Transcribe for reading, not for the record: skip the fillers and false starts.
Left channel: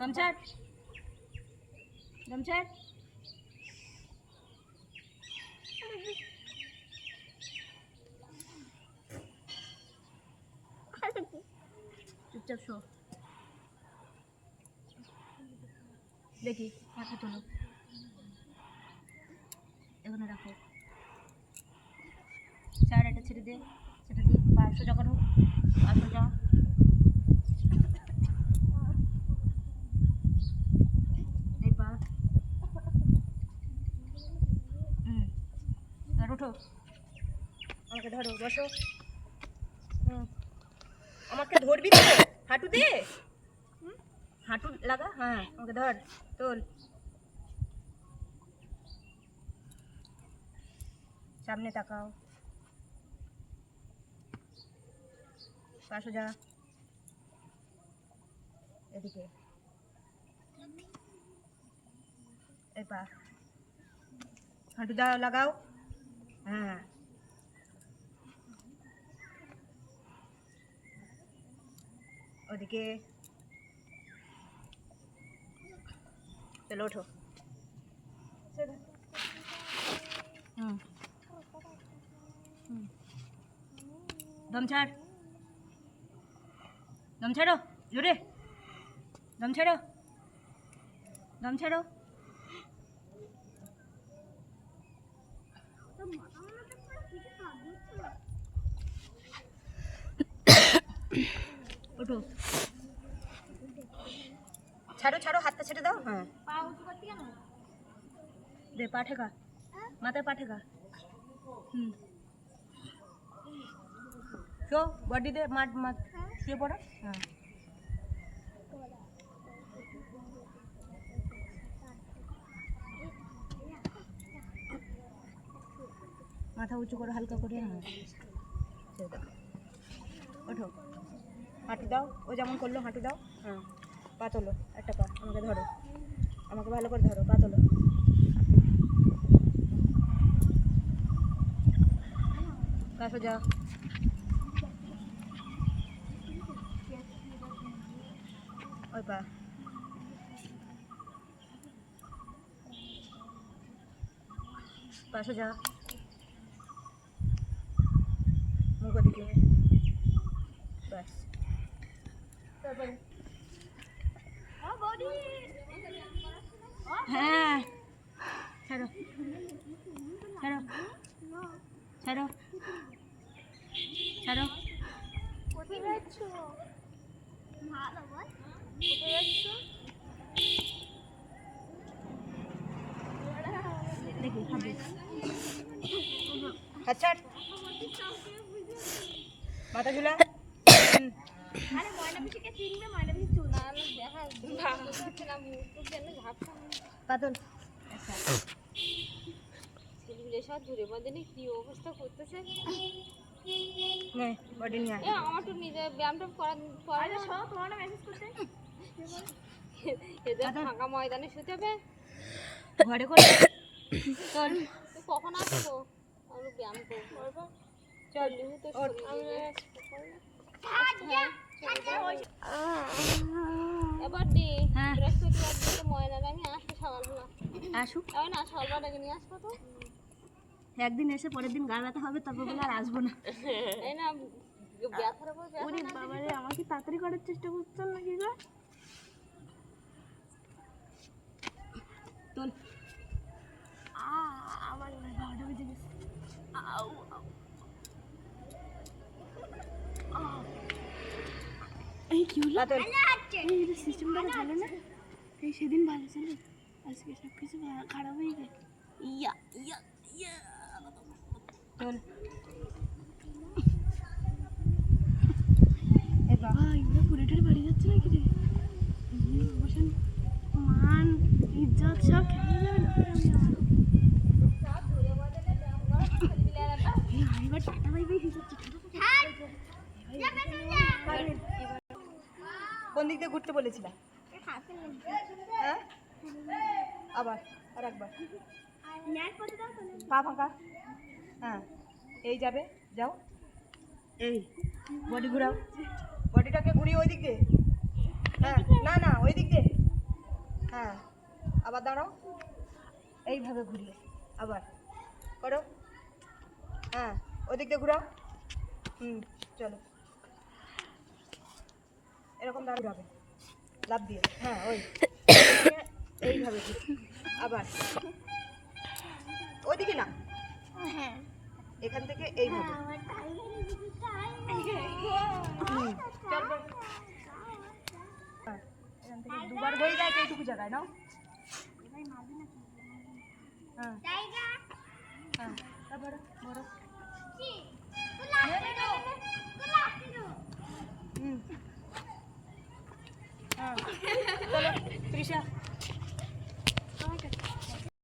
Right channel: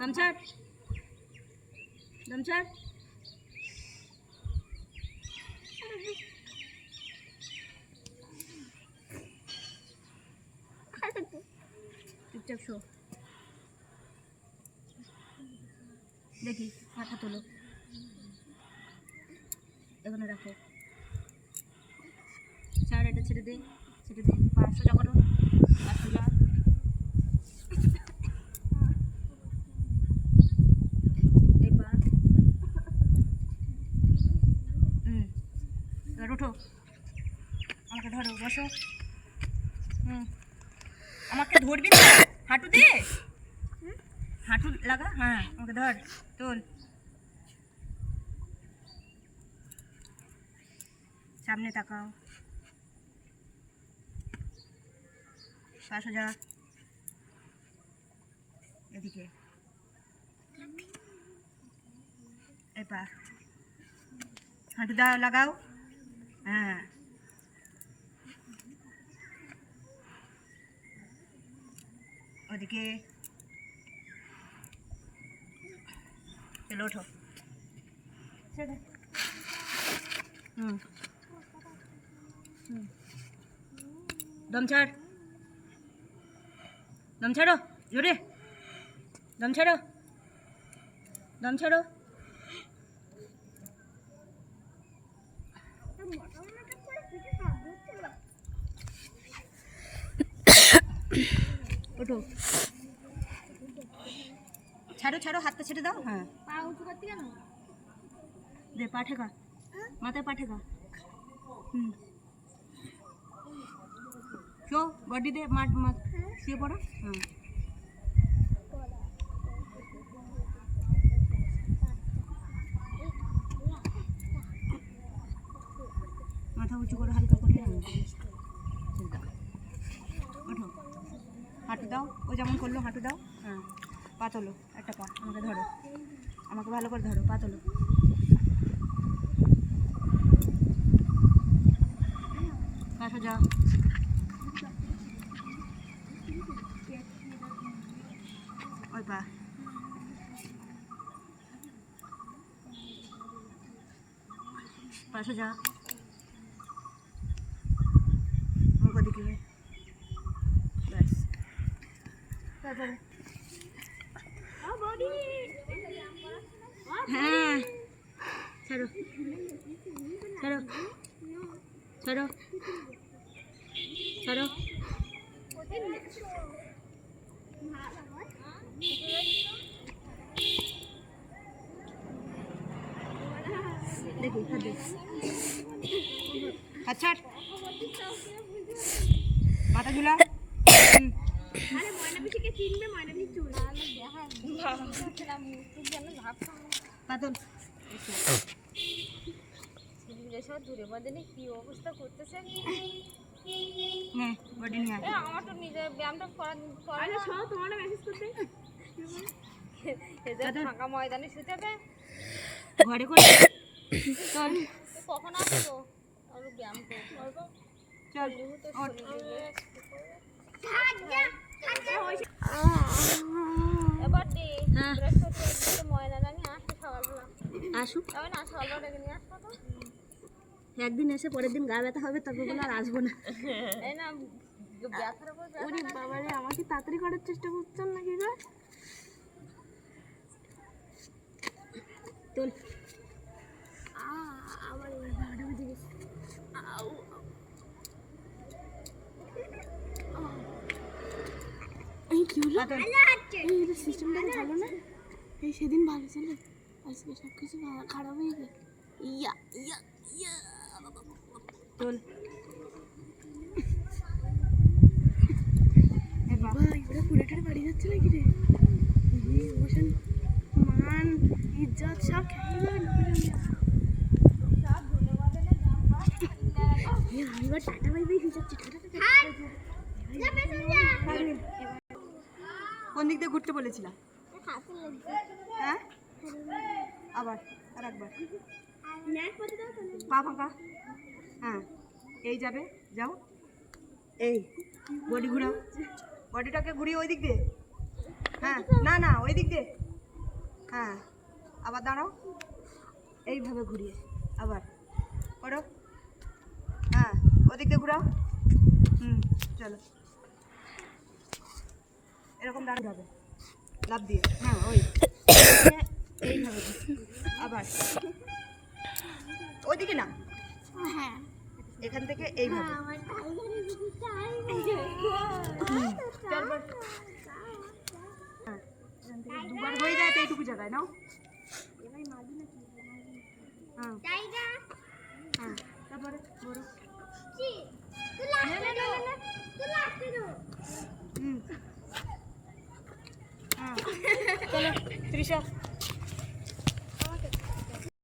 দম ছাড়, দম ছাড়। চুপচাপ শো। দেখি মাথা তোলো, এখানে রাখো। ছাড়, এটা ছেড়ে দে, ছেড়ে দে। পা সোজা করো, পা সোজা। এই পা। এবার উঠো, আমাকে ধরো, বসো। আমাকে ধরবি তো, হাঁটু দে, হাঁটু লাগা। হ্যাঁ, আমাকে ধর, তোল। সামনে তাকাও, পা সোজা, এদিকে। এই পা, হাঁটু দাও, লাগাও। হ্যাঁ, ওদিকে। চলো ওঠো। দম ছাড়, দম ছাড়ো, জোরে দম ছাড়ো, দম ছাড়ো। ওঠো, ছাড়ো ছাড়ো, হাতটা ছেড়ে দাও। হ্যাঁ, পা উঁচু করতে কেন? দে, পা ঠেকা, মাথায় পা ঠেকা। শো, বডি দে, মাঠ শুয়ে পড়ো। হ্যাঁ, মাথা উঁচু করো হালকা করে। হ্যাঁ, দাও, ওঠো, হাঁটু দাও, ও যেমন করলো হাঁটু দাও। হ্যাঁ, পা তোলো, একটা পা, আমাকে ধরো, আমাকে ভালো করে ধরো, পা তোলো। পা সোজা, ওই পা, পা সোজা, মুখ দিকে, ব্যাস। হ্যাঁ, ছাড়ো ছাড়ো ছাড়ো ছাড়ো। দেখি আচ্ছা, মাথা ঝুলা। আরে ময়না পিসিকে চিনবে, ময়না পিসি চুল না দেখা না মুখ যেন ভাবছা পাতল। ছেলেগুলো সব দূরে বাঁধেনি কি অবস্থা করতেছে। নে বডি নিয়ে আয়। আমার তো নিজে ব্যায়ামটা করা না। সব তোমার মেসেজ করতে এদের ফাঁকা ময়দানে শুতে হবে ঘরে করে চল। তো কখন আসবো? আমরা ব্যায়াম করবো চল তো এবার দি বৃহস্পতিবার ময়না রানী আসবে সকালবেলা। আসুক না, সকালবেলা ডেকে নিয়ে আসবো। তো একদিন এসে পরের দিন গা ব্যথা হবে, তারপর বলে আর আসবো না। এই না ব্যথার উপর ওরে বাবা রে, আমাকে তাড়াতাড়ি করার চেষ্টা করছেন নাকি গো? তোল। আমার 12টা বেজে গেছে। আউ এই কি হলো? এই সিস্টেমটা ভালো না, এই সেদিন ভালো ছিল, আজকে সব কিছু খারাপ হয়ে গেছে। ইয়া ইয়া ইয়া তোল। ভাই ওরা পুরোটার বাড়ি যাচ্ছে নাকি রে? বসেন, মান ইজ্জত সব খেয়ে যাবে না। আমি এবার টাটা বাই বাই যাচ্ছি। কোন দিক দিয়ে ঘুরতে বলেছিলাম? হ্যাঁ, আবার আর একবার পা ফাঁকা। হ্যাঁ, এই যাবে, যাও। এই বডি ঘুরাও, বডিটাকে ঘুরিয়ে ওই দিক দিয়ে। হ্যাঁ, না না ওই দিক দিয়ে। হ্যাঁ আবার দাঁড়াও, এইভাবে ঘুরিয়ে আবার করো। হ্যাঁ ওদিক দিয়ে ঘুরাও। চলো এরকম দাঁড়াবে লাভ দিয়ে। হ্যাঁ ওই এইভাবে আবার ওইদিকে না, হ্যাঁ এখান থেকে এইভাবে। আমার টাইগারের দিকে চল বল। হ্যাঁ এখান থেকে দুবার হয়ে যায় তো এইটুকু জায়গায় নাও। হ্যাঁ টাইগার হ্যাঁ তারপরে বড়। জি তুই লাস্টে দে তুই লাস্টে দে হ্যাঁ চলো তৃষা